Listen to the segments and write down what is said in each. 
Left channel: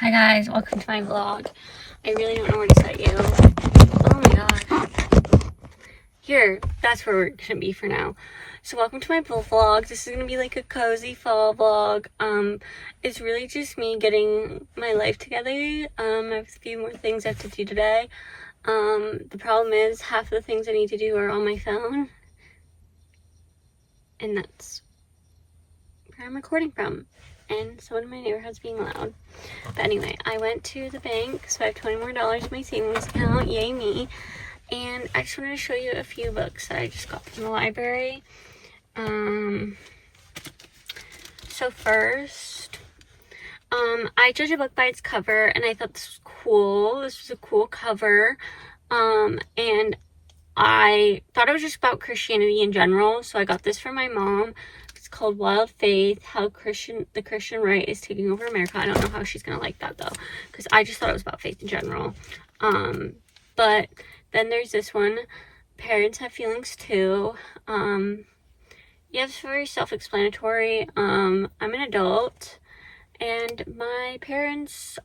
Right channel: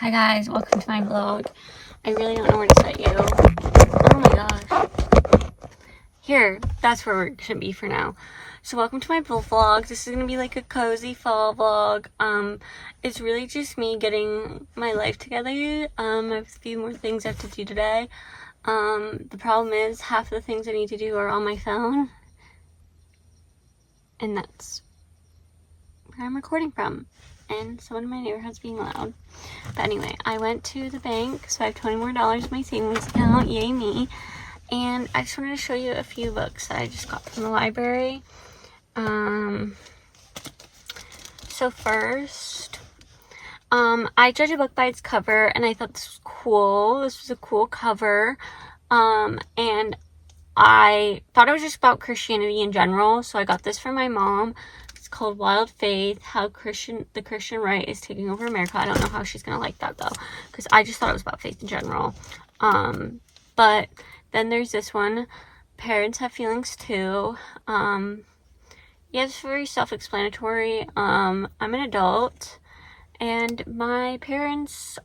Hi guys, welcome to my vlog. I really don't know where to set you. Oh my god. Here, that's where we're gonna be for now. So welcome to my vlog. This is gonna be like a cozy fall vlog. It's really just me getting my life together. I have a few more things I have to do today. The problem is half of the things I need to do are on my phone. And that's where I'm recording from. And someone in my neighborhood's being loud. But anyway, I went to the bank, so I have $20 more in my savings account. Yay me. And I just wanted to show you a few books that I just got from the library. So first, I judge a book by its cover, and I thought this was cool. This was a cool cover. And I thought it was just about Christianity in general, so I got this for my mom. It's called Wild Faith, How the Christian Right is Taking Over America. I don't know how she's gonna like that though, because I just thought it was about faith in general. But then there's this one, Parents Have Feelings Too. Yeah, it's very self-explanatory. I'm an adult, and my parents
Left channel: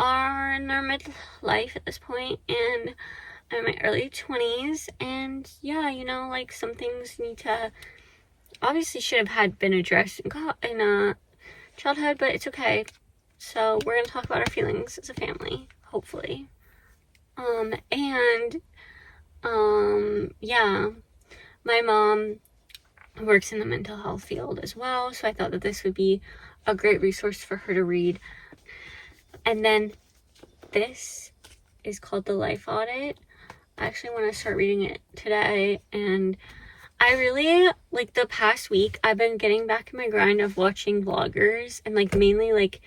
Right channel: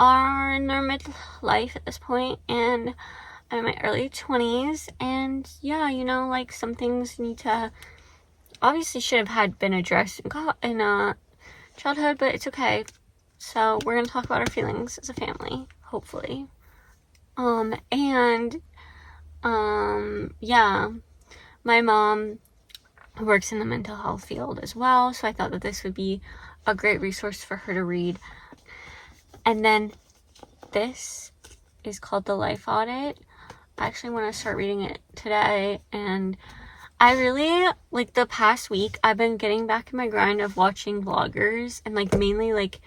are in their midlife at this point, and I'm in my early 20s, and yeah, you know, like some things need to obviously should have been addressed in childhood, but it's okay. So we're gonna talk about our feelings as a family, hopefully. Yeah, my mom works in the mental health field as well, so I thought that this would be a great resource for her to read. And then this is called The Life Audit. I actually want to start reading it today, and I really, like, the past week, I've been getting back in my grind of watching vloggers, and, like, mainly, like,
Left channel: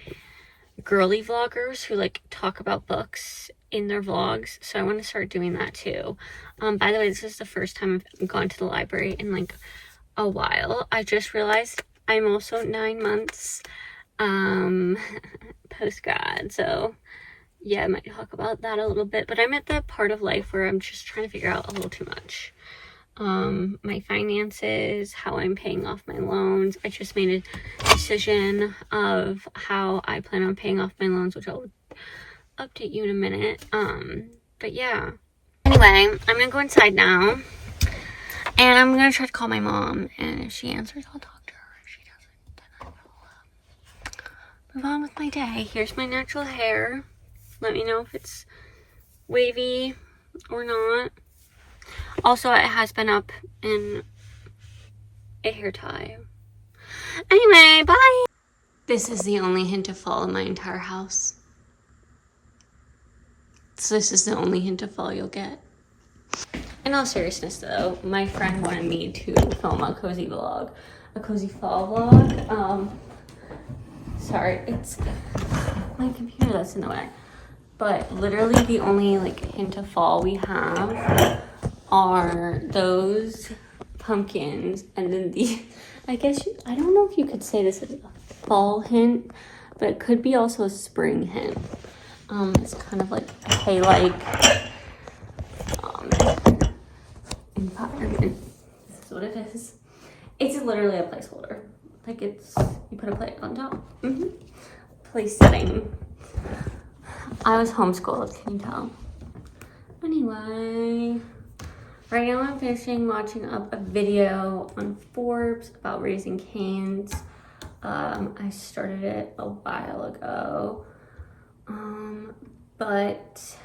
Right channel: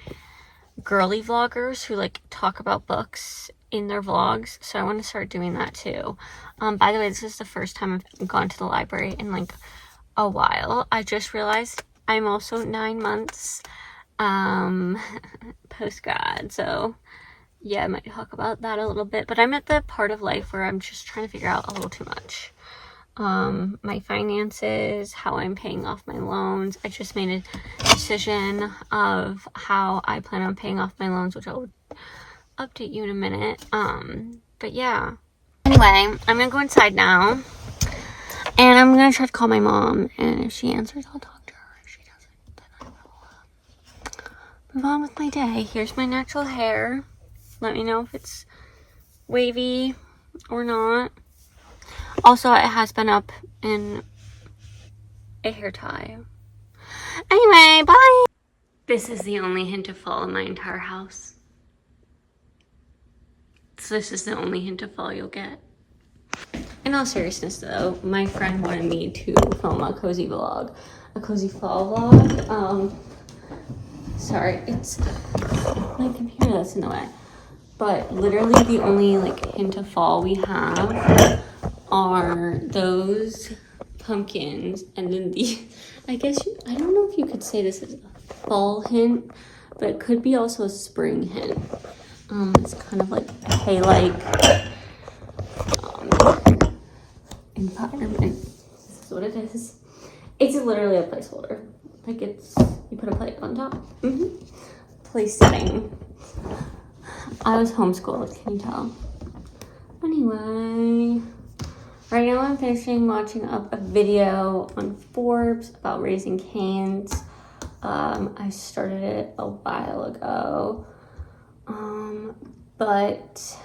girly vloggers who, like, talk about books in their vlogs, so I want to start doing that, too. By the way, this is the first time I've gone to the library in, like, a while. I just realized I'm also 9 months, post-grad, so yeah, I might talk about that a little bit, but I'm at the part of life where I'm just trying to figure out a little too much. My finances, how I'm paying off my loans. I just made a decision of how I plan on paying off my loans, which I'll update you in a minute. But yeah. Anyway, I'm gonna go inside now, and I'm gonna try to call my mom, and if she answers, I'll talk to her. If she doesn't, then I will move on with my day. Here's my natural hair. Let me know if it's wavy or not. Also, it has been up in a hair tie. Anyway, bye! This is the only hint of fall in my entire house. So this is the only hint of fall you'll get. In all seriousness though, my friend wanted me to film a cozy vlog. A cozy fall vlog. Sorry, it's my computer that's in the way. But literally the only, like, hint of fall we have are those pumpkins, and then I don't know if you could say this is a fall hint, but it could be also a spring hint. It's kind of like hay-like environment. This is what it is. It's literally a placeholder. Like, you put a plate on top. Place setting. I was homeschooled, can you tell? Anyway, right now I'm finishing watching up a video on Forbes about Raising Cane's. I started it a while ago, but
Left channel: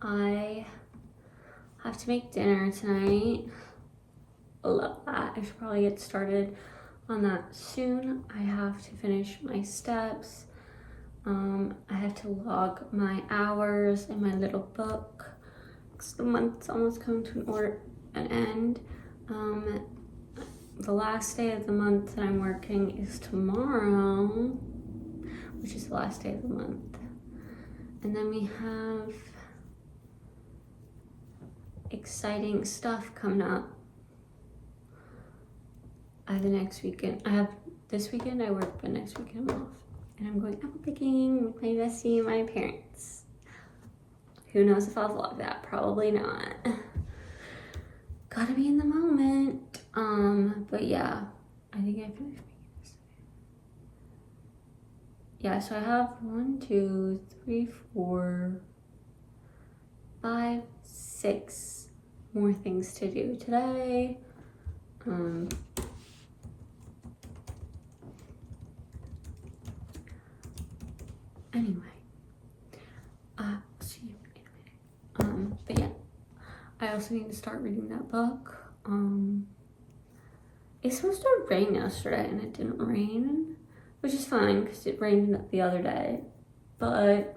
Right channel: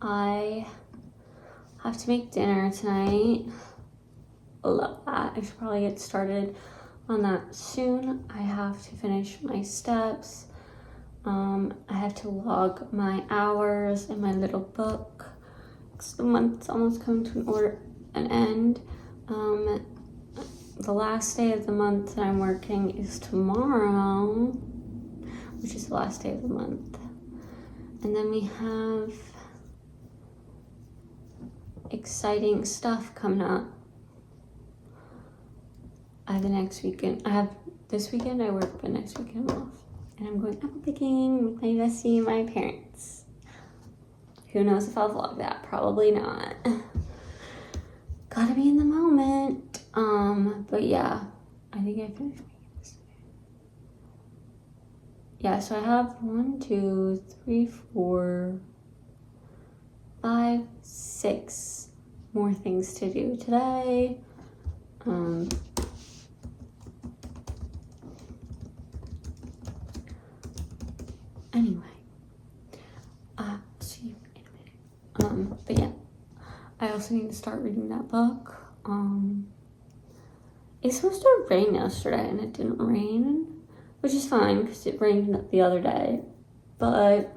I have to make dinner tonight. I love that. I should probably get started on that soon. I have to finish my steps. I have to log my hours in my little book. The month's almost coming to an end. The last day of the month that I'm working is tomorrow, which is the last day of the month. And then we have exciting stuff coming up. I have the next weekend. This weekend I work, but next weekend I'm off. And I'm going apple picking with my bestie and my parents. Who knows if I'll vlog that? Probably not. Gotta be in the moment. But yeah, I think I finished. yeah, so I have 1, 2, 3, 4, 5, 6 more things to do today. Anyway, see you in a minute. But yeah, I also need to start reading that book. It's supposed to rain yesterday and it didn't rain, which is fine because it rained the other day, but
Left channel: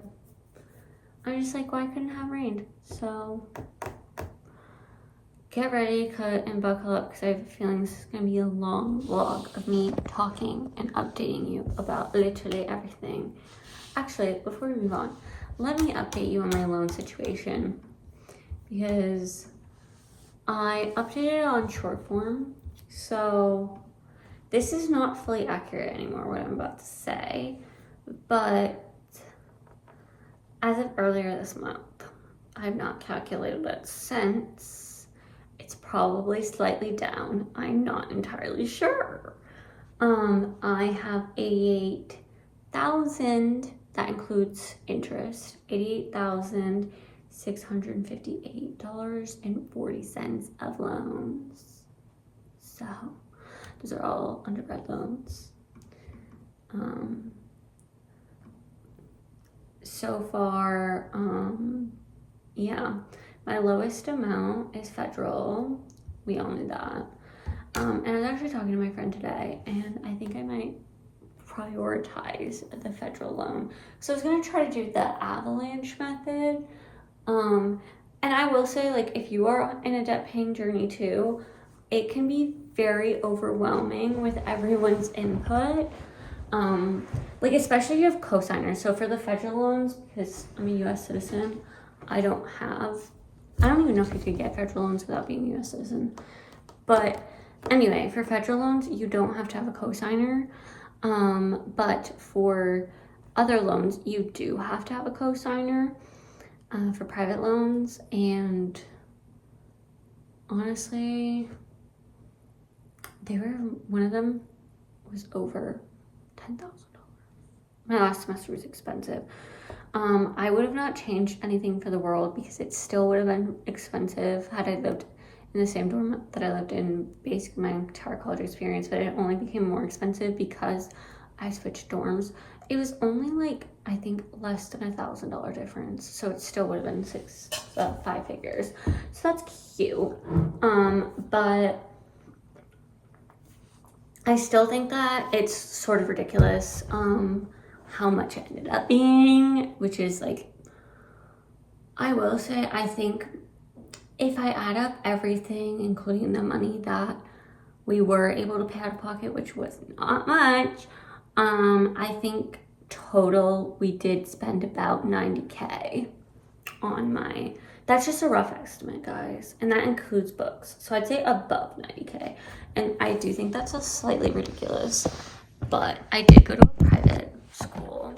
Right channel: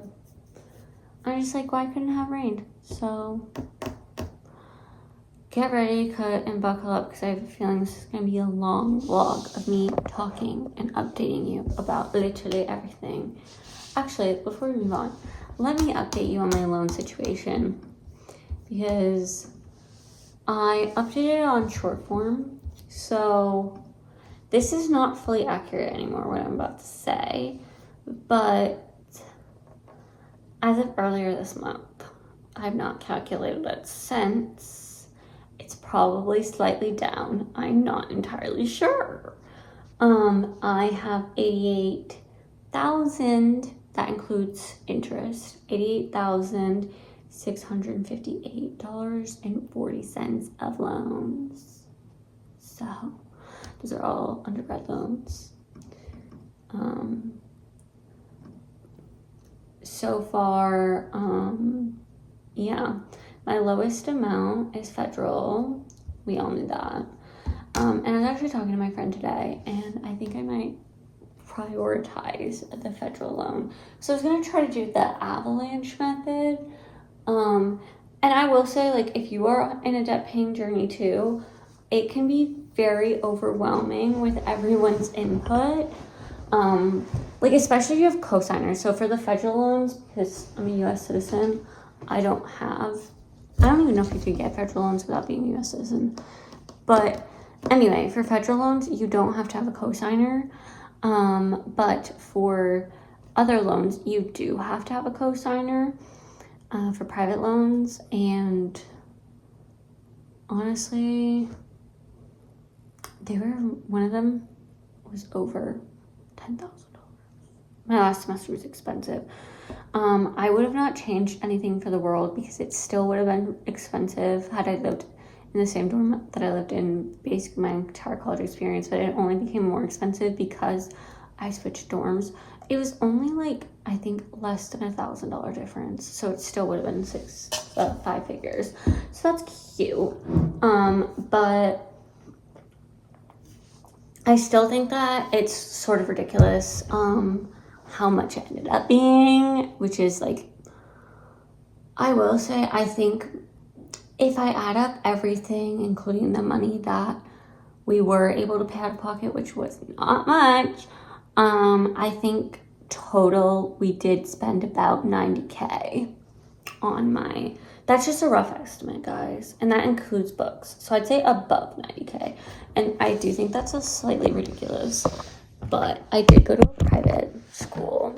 I'm just like, why couldn't it have rained? So get ready, cut, and buckle up because I have a feeling this is going to be a long vlog of me talking and updating you about literally everything. Actually, before we move on, let me update you on my loan situation because I updated it on short form. So this is not fully accurate anymore, what I'm about to say, but as of earlier this month, I've not calculated it since. It's probably slightly down. I'm not entirely sure. I have $88,000, that includes interest, $88,658.40 of loans. So those are all undergrad loans. So far, yeah, my lowest amount is federal. We all knew that. And I was actually talking to my friend today, and I think I might prioritize the federal loan. So I was gonna try to do the avalanche method. And I will say, like, if you are in a debt paying journey too, it can be very overwhelming with everyone's input. Like, especially if you have co-signers. So for the federal loans, because I'm a US citizen, I don't even know if you could get federal loans without being a US citizen. But anyway, for federal loans, you don't have to have a co-signer. But for other loans, you do have to have a co-signer, for private loans. And honestly, one of them was over $10,000. My last semester was expensive. I would have not changed anything for the world because it still would have been expensive had I lived in the same dorm that I lived in basically my entire college experience, but it only became more expensive because I switched dorms. It was only like, I think, less than $1,000 difference, so it still would have been 5 figures. So that's cute. But I still think that it's sort of ridiculous how much it ended up being, which is like, I will say, I think if I add up everything, including the money that we were able to pay out of pocket, which was not much, I think total we did spend about $90K on that's just a rough estimate, guys, and that includes books, so I'd say above $90K, and I do think that's a slightly ridiculous, but I did go to a private school,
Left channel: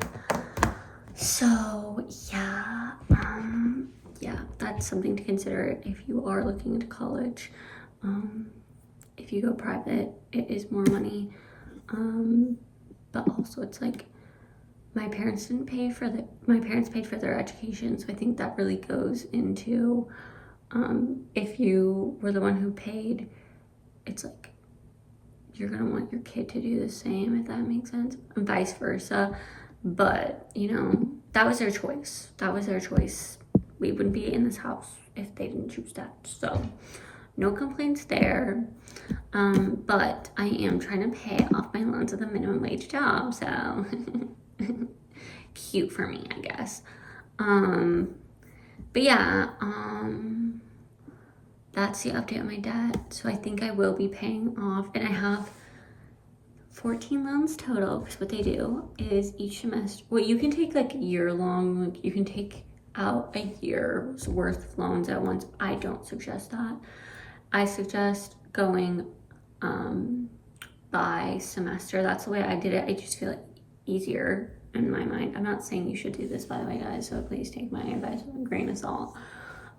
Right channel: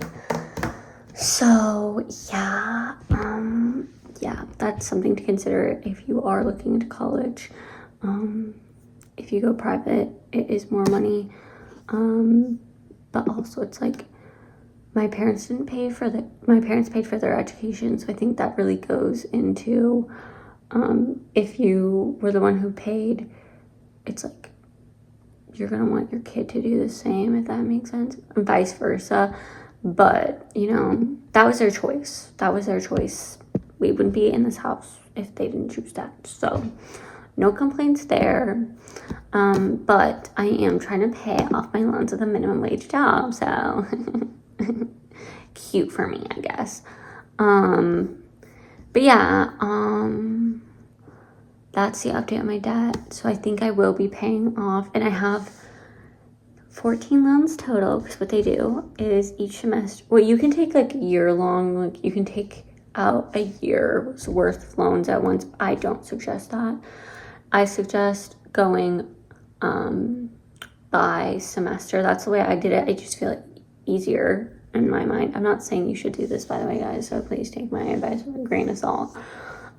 so yeah, that's something to consider if you are looking into college. If you go private, it is more money, but also it's like, my parents paid for their education, so I think that really goes into, if you were the one who paid, it's like, you're gonna want your kid to do the same, if that makes sense, and vice versa. But, you know, that was their choice. We wouldn't be in this house if they didn't choose that, so no complaints there. But I am trying to pay off my loans with a minimum wage job, so cute for me, I guess. But yeah, that's the update on my debt. So I think I will be paying off, and I have 14 loans total, because what they do is each semester, well, you can take like year-long, like you can take out a year's worth of loans at once. I don't suggest that. I suggest going by semester. That's the way I did it. I just feel like easier in my mind. I'm not saying you should do this, by the way, guys, so please take my advice with a grain of salt.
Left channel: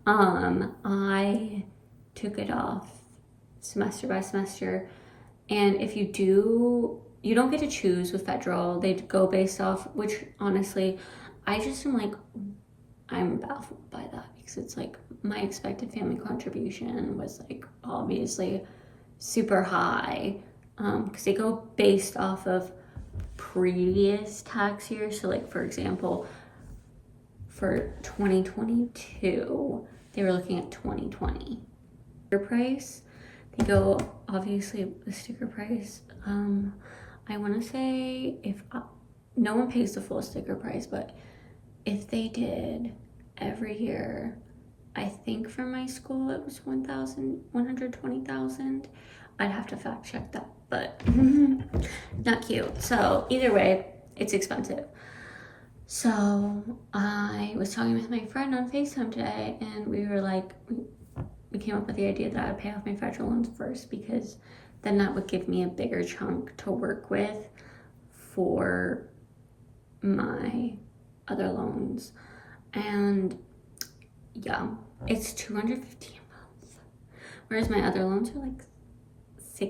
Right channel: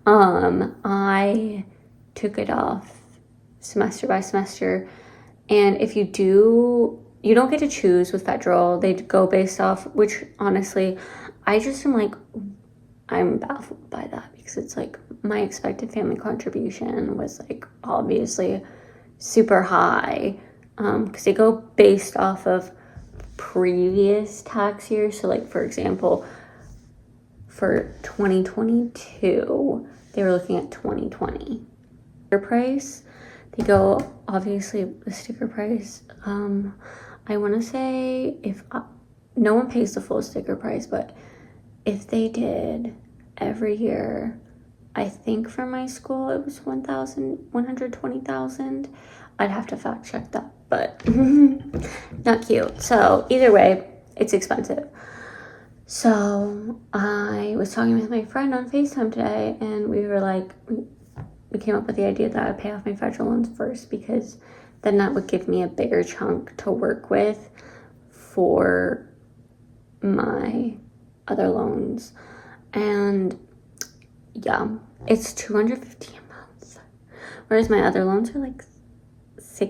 I took it off semester by semester, and if you do, you don't get to choose with federal. They go based off, which honestly, I just am like, I'm baffled by that, because it's like my expected family contribution was like obviously super high, because they go based off of previous tax years. So like, for example, for 2022, they were looking at 2020 price. They go obviously the sticker price. I want to say no one pays the full sticker price, but if they did every year, I think for my school it was 120,000. I'd have to fact check that, but not cute. So either way, it's expensive. So I was talking with my friend on FaceTime today, and we were like, we came up with the idea that I'd pay off my federal loans first, because then that would give me a bigger chunk to work with for my other loans. And yeah, it's $250 a month, whereas my other loans are like 3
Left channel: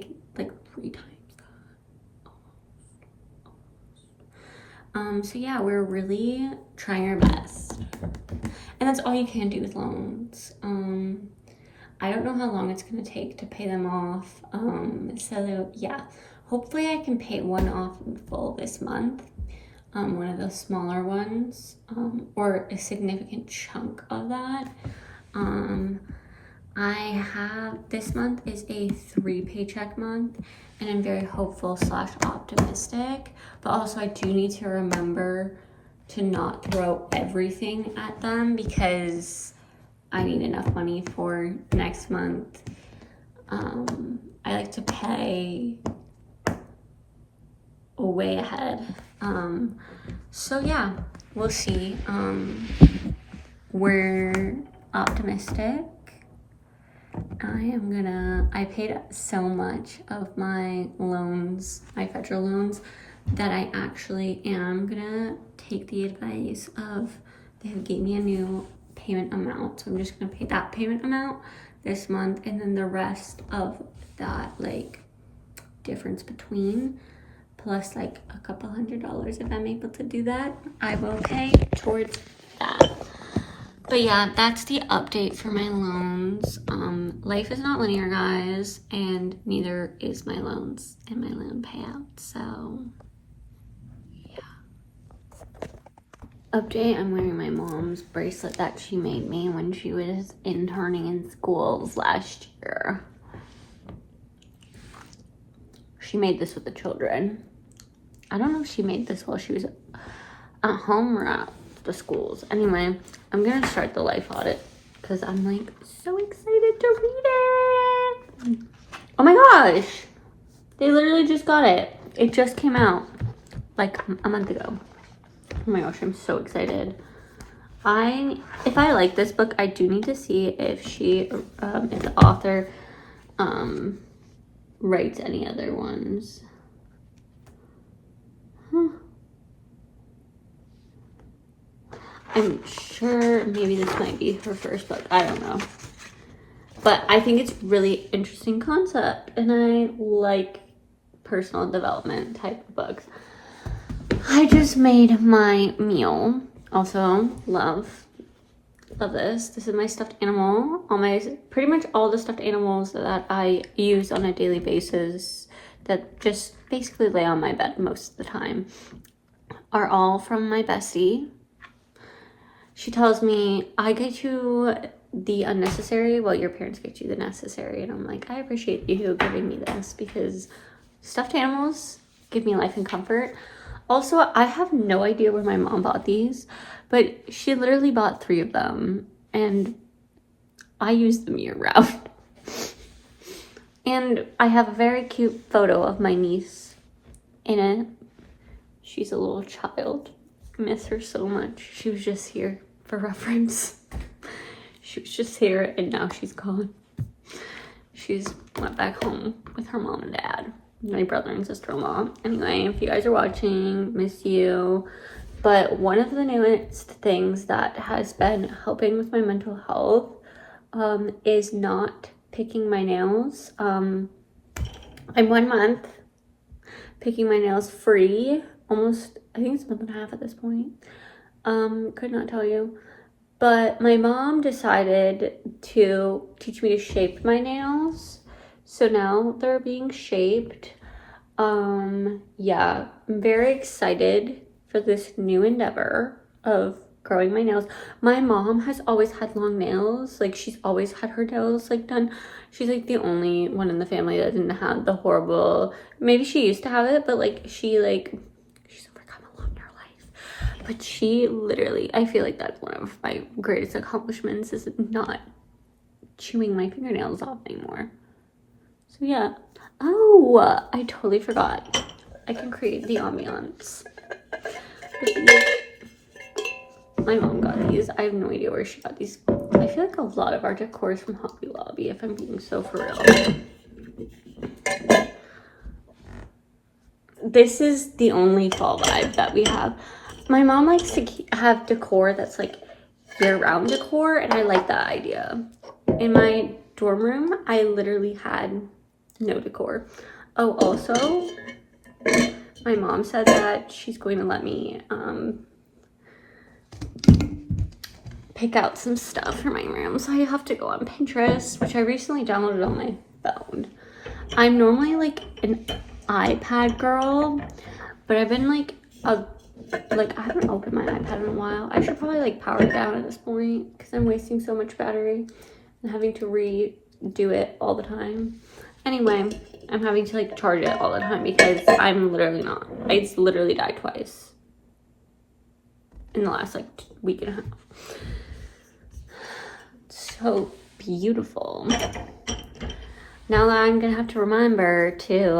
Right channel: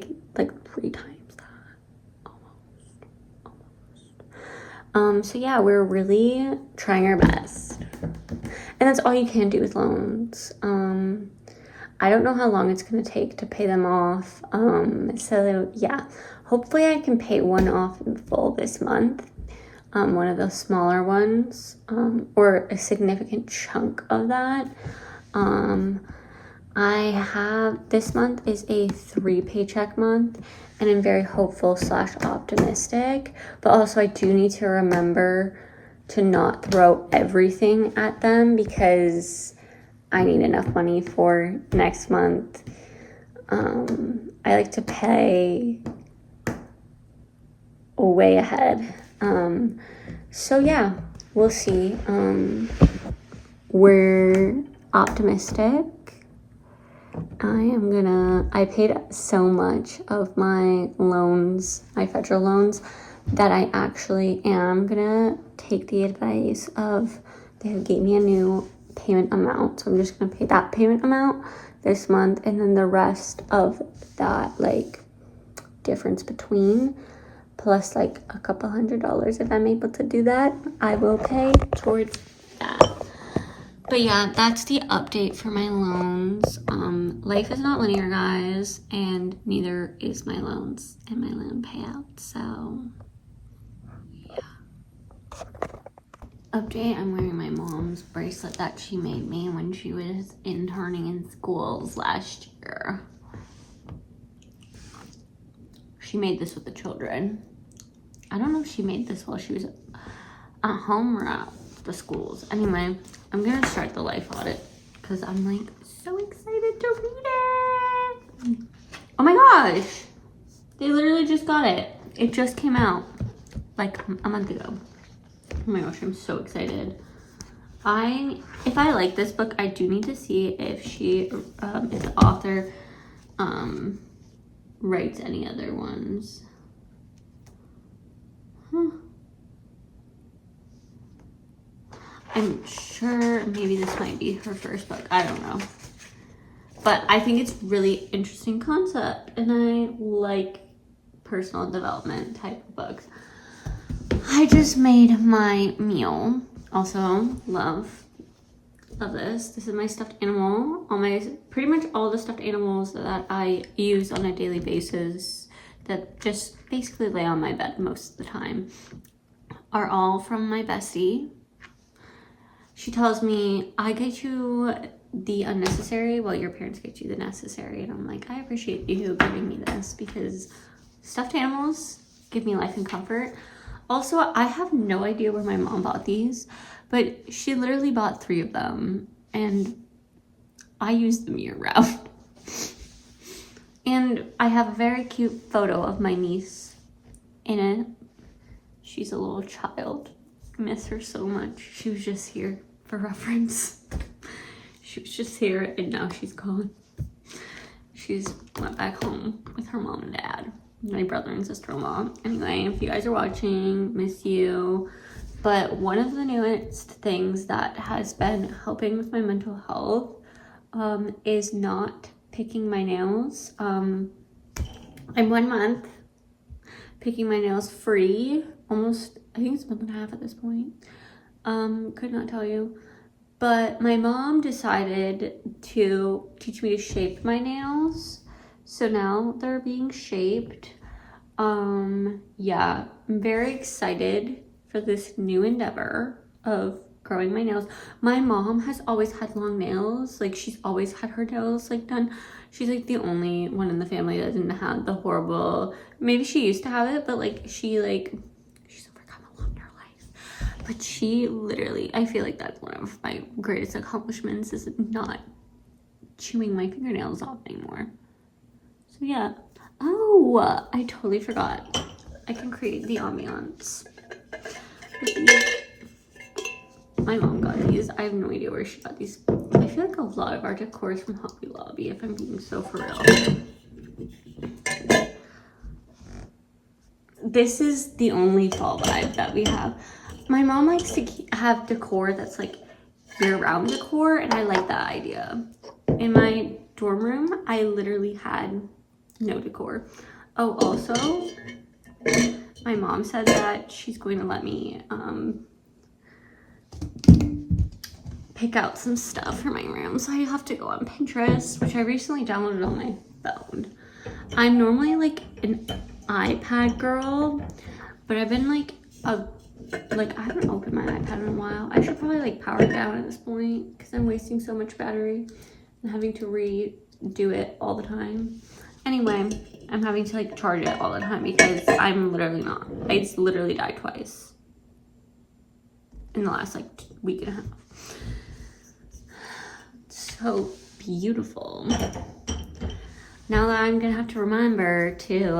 times that, almost. So yeah, we're really trying our best, and that's all you can do with loans. I don't know how long it's going to take to pay them off. So yeah, hopefully I can pay one off in full this month. One of those smaller ones, or a significant chunk of that. This month is a 3 paycheck month, and I'm very hopeful / optimistic, but also I do need to remember to not throw everything at them, because I need enough money for next month. I like to pay way ahead. So yeah, we'll see. We're optimistic. I paid so much of my loans, my federal loans, that I actually am gonna take the advice of, they gave me a new payment amount, so I'm just gonna pay that payment amount this month, and then the rest of that, like, difference between, plus like a couple $100, if I'm able to do that, I will pay towards that. But yeah, that's the update for my loans. Life is not linear, guys, and neither is my loans and my loan payout. So yeah. Update, I'm wearing my mom's bracelet that she made me when she was interning in schools last year. She made this with the children. I don't know if she made this while she was at home or at the schools. Anyway, I'm gonna start the life audit because I'm like so excited to read it. Oh my gosh, they literally just got it. It just came out like a month ago. Oh my gosh, I'm so excited. If I like this book, I do need to see if if the author writes any other ones. I'm sure maybe this might be her first book. I don't know. But I think it's really interesting concept, and I like personal development type of books. I just made my meal. Also, love this. This is my stuffed animal. Pretty much all the stuffed animals that I use on a daily basis, that just basically lay on my bed most of the time, are all from my bestie. She tells me, I get you the unnecessary while your parents get you the necessary. And I'm like, I appreciate you giving me this, because stuffed animals give me life and comfort. Also, I have no idea where my mom bought these, but she literally bought 3 of them, and I use them year round. And I have a very cute photo of my niece in it. She's a little child. I miss her so much. She was just here for reference. She was just here, and now she's gone. She's went back home with her mom and dad, my brother and sister-in-law. Anyway, if you guys are watching, miss you. But one of the newest things that has been helping with my mental health is not picking my nails. I'm 1 month picking my nails free. Almost, I think it's a month and a half at this point. Could not tell you. But my mom decided to teach me to shape my nails. So now they're being shaped. Yeah, I'm very excited for this new endeavor of growing my nails. My mom has always had long nails. Like, she's always had her nails like done. She's like the only one in the family that didn't have the horrible, maybe she used to have it, but like she's overcome a lot in her life. But she literally, I feel like that's one of my greatest accomplishments, is not chewing my fingernails off anymore. So yeah. Oh, I totally forgot. I can create the ambiance. My mom got these. I have no idea where she got these. I feel like a lot of our decor is from Hobby Lobby, if I'm being so for real. This is the only fall vibe that we have. My mom likes to have decor that's like year-round decor, and I like that idea. In my dorm room, I literally had no decor. Oh, also, my mom said that she's going to let me pick out some stuff for my room. So I have to go on Pinterest, which I recently downloaded on my phone. I'm normally like an iPad girl, but I've been like I haven't opened my iPad in a while. I should probably like power it down at this point because I'm wasting so much battery and having to redo it all the time. Anyway, I'm having to like charge it all the time because I'm literally not. It's literally died twice in the last like week and a half. So beautiful. Now that I'm gonna have to remember to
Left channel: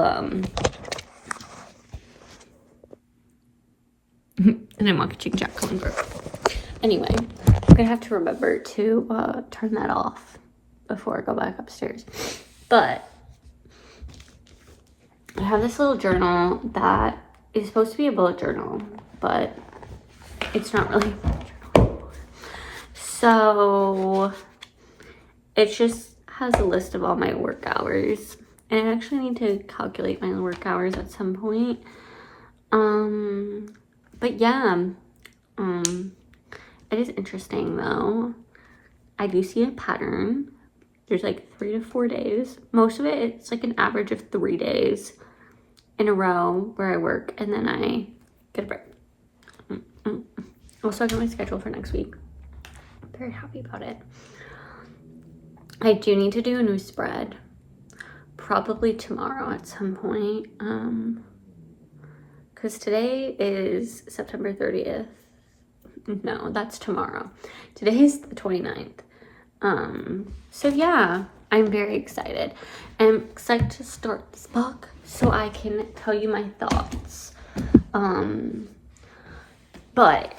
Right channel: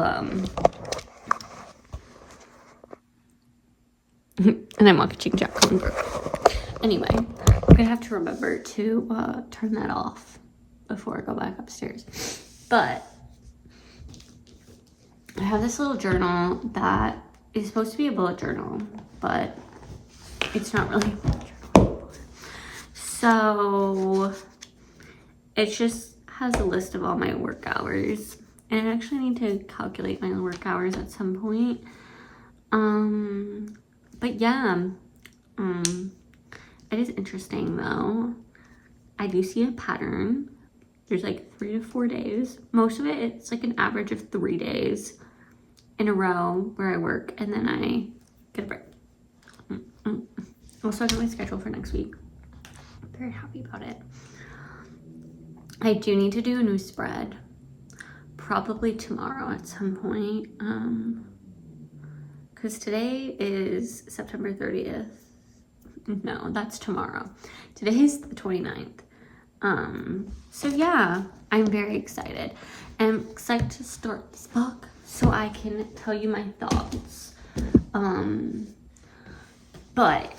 and I'm watching Jack Congress. Anyway, I'm gonna have to remember to turn that off before I go back upstairs. But I have this little journal that is supposed to be a bullet journal, but it's not really a bullet journal anymore. So it just has a list of all my work hours. And I actually need to calculate my work hours at some point. But yeah, it is interesting though. I do see a pattern. There's like 3 to 4 days. Most of it, it's like an average of 3 days in a row where I work and then I get a break. Also, I got my schedule for next week. I'm very happy about it. I do need to do a new spread. Probably tomorrow at some point. Because today is September 30th. No, that's tomorrow. Today is the 29th. So yeah, I'm very excited. I'm excited to start this book so I can tell you my thoughts. But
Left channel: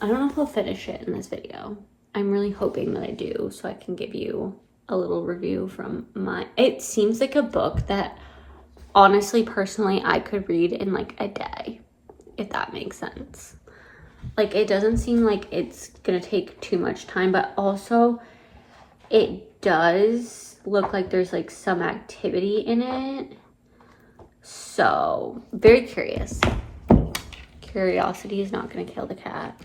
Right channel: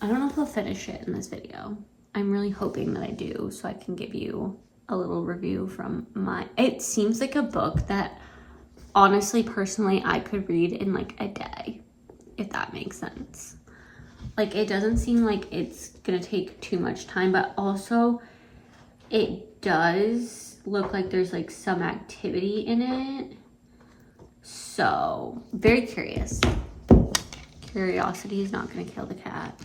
I don't know if I'll finish it in this video. I'm really hoping that I do so I can give you a little review from it seems like a book that honestly, personally, I could read in like a day, if that makes sense. Like, it doesn't seem like it's gonna take too much time, but also it does look like there's like some activity in it. So, very curious. Curiosity is not gonna kill the cat.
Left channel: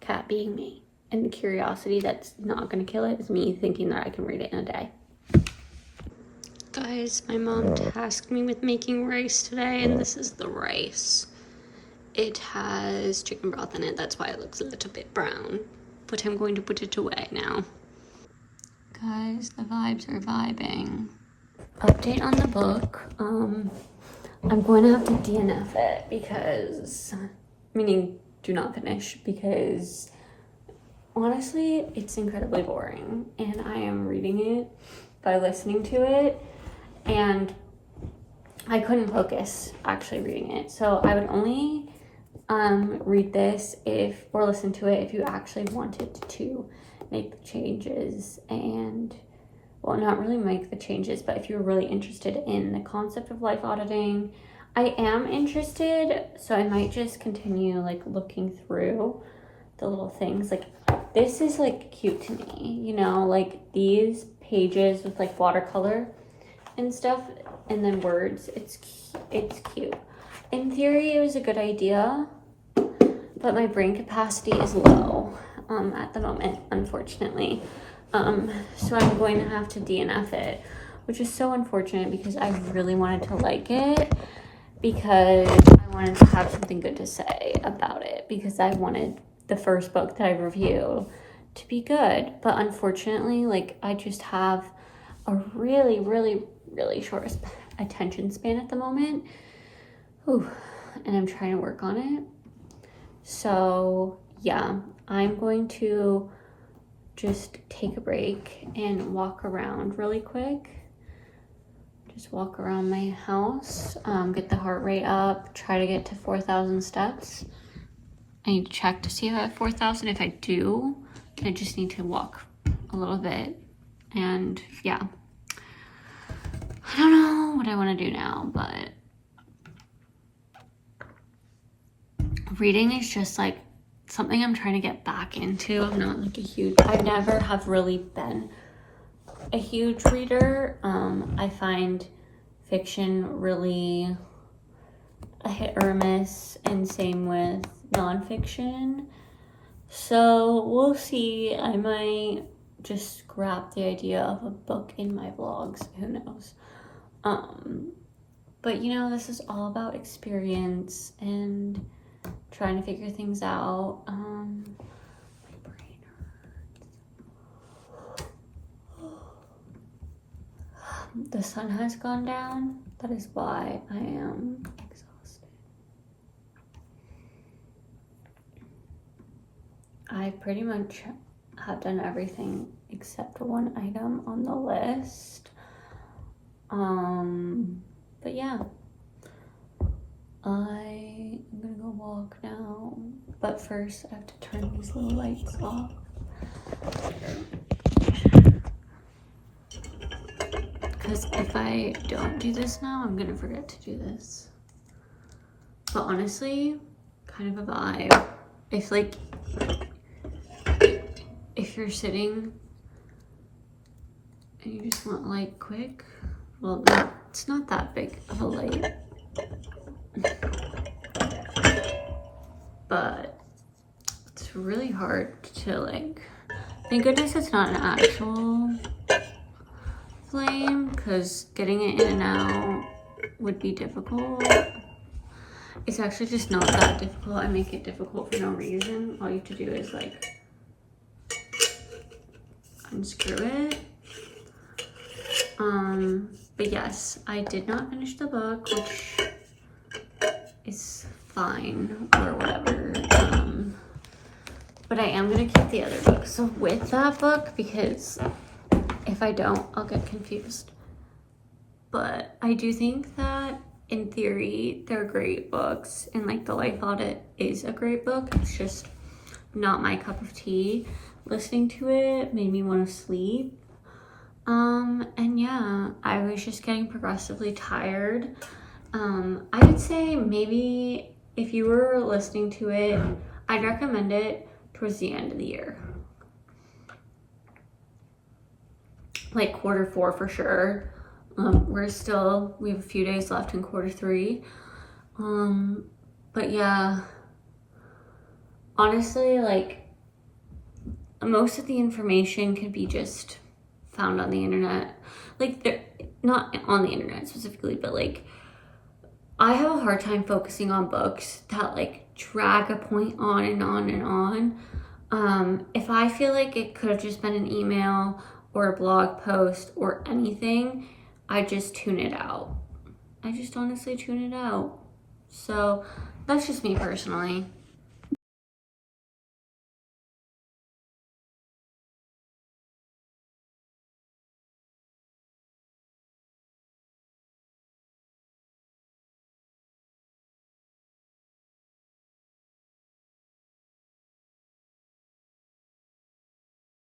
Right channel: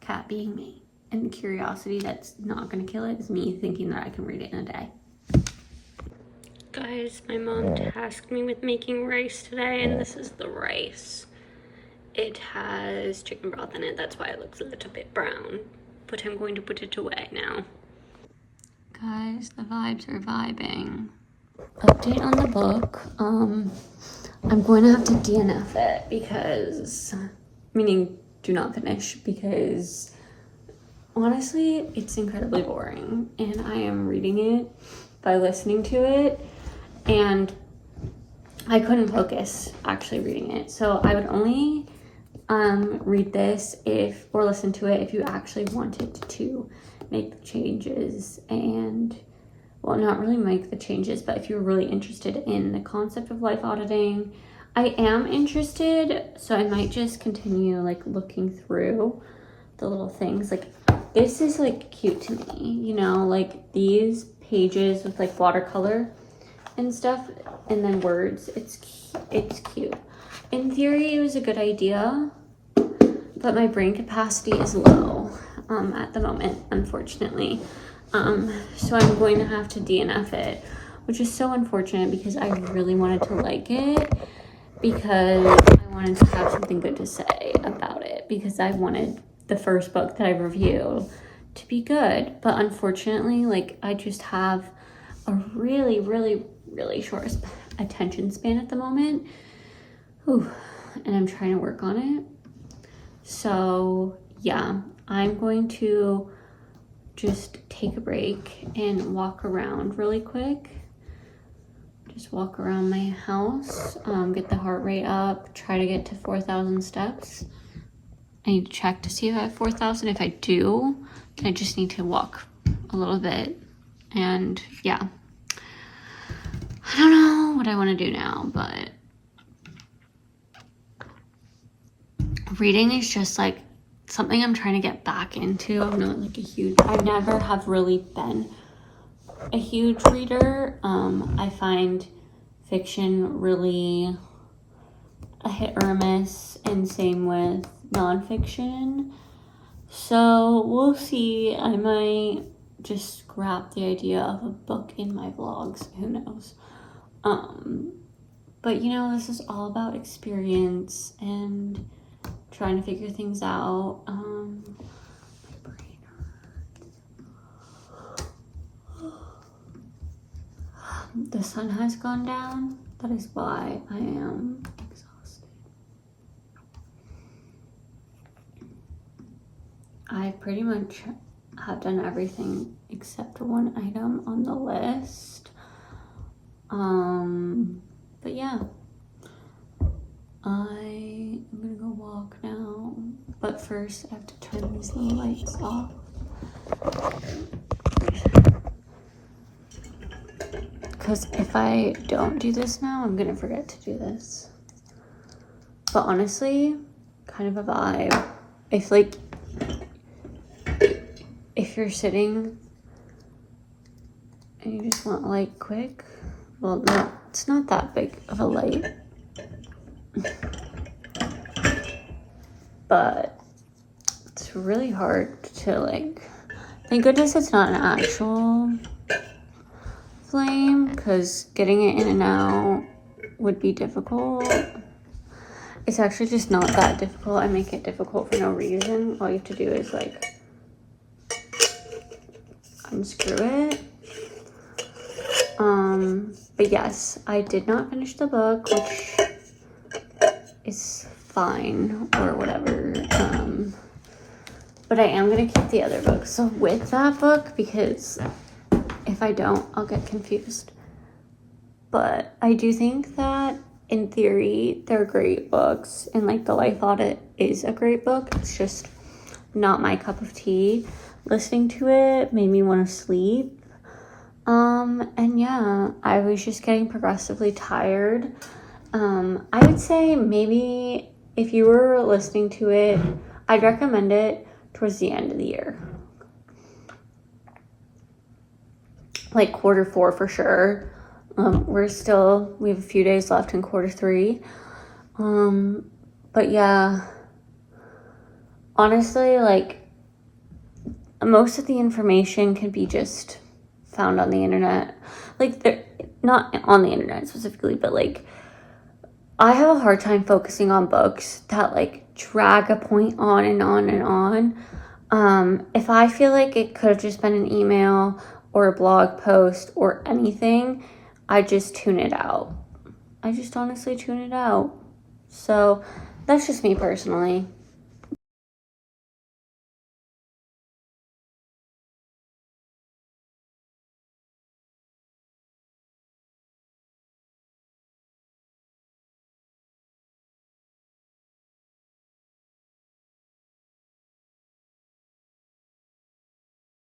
Cat being me. And the curiosity that's not gonna kill it is me thinking that I can read it in a day. Guys, my mom tasked me with making rice today, and this is the rice. It has chicken broth in it, that's why it looks a little bit brown. But I'm going to put it away now. Guys, the vibes are vibing. Update on the book. I'm going to have to DNF it because, meaning do not finish, because honestly, it's incredibly boring. And I am reading it by listening to it. And I couldn't focus actually reading it. So I would only read this or listen to it if you actually wanted to make the changes and, well, not really make the changes, but if you're really interested in the concept of life auditing. I am interested, so I might just continue like looking through the little things. Like, this is like cute to me, you know, like these pages with like watercolor. and stuff, and then words. It's cute. In theory, it was a good idea, but my brain capacity is low at the moment, unfortunately. So I'm going to have to DNF it, which is so unfortunate because I really wanted to like it, because I wanted to have something good to say about it, because I wanted the first book that I review to be good. But unfortunately, like, I just have a really, really, really short attention span at the moment. Ooh, and I'm trying to work on it. So yeah, I'm going to just take a break and walk around really quick. Just walk around my house, get the heart rate up, try to get to 4,000 steps. I need to check to see if I have 4,000. If I do, I just need to walk a little bit. And yeah, I don't know what I want to do now, but reading is just like something I'm trying to get back into. I'm not like I never have really been a huge reader. I find fiction really a hit or a miss, and same with nonfiction. So we'll see. I might just scrap the idea of a book in my vlogs. Who knows? But you know, this is all about experience and trying to figure things out. My brain hurts. The sun has gone down. That is why I am exhausted. I pretty much have done everything except one item on the list. But yeah, I am gonna go walk now. But first, I have to turn these little lights off. Because if I don't do this now, I'm gonna forget to do this. But honestly, kind of a vibe. If you're sitting and you just want light quick, well, it's not that big of a light. But it's really hard to like, thank goodness it's not an actual flame, because getting it in and out would be difficult. It's actually just not that difficult. I make it difficult for no reason. All you have to do is like unscrew it. But yes, I did not finish the book, which is fine or whatever. But I am gonna keep the other book. So with that book, because if I don't, I'll get confused. But I do think that in theory, they're great books. And like The Life Audit is a great book. It's just not my cup of tea. Listening to it made me want to sleep. And yeah, I was just getting progressively tired. I would say maybe if you were listening to it, I'd recommend it towards the end of the year. Like Q4 for sure. We have a few days left in Q3. But yeah, honestly, like, most of the information can be just found on the internet. Like, not on the internet specifically, but like, I have a hard time focusing on books that like drag a point on and on and on. If I feel like it could have just been an email or a blog post or anything, I just tune it out. I just honestly tune it out. So that's just me personally.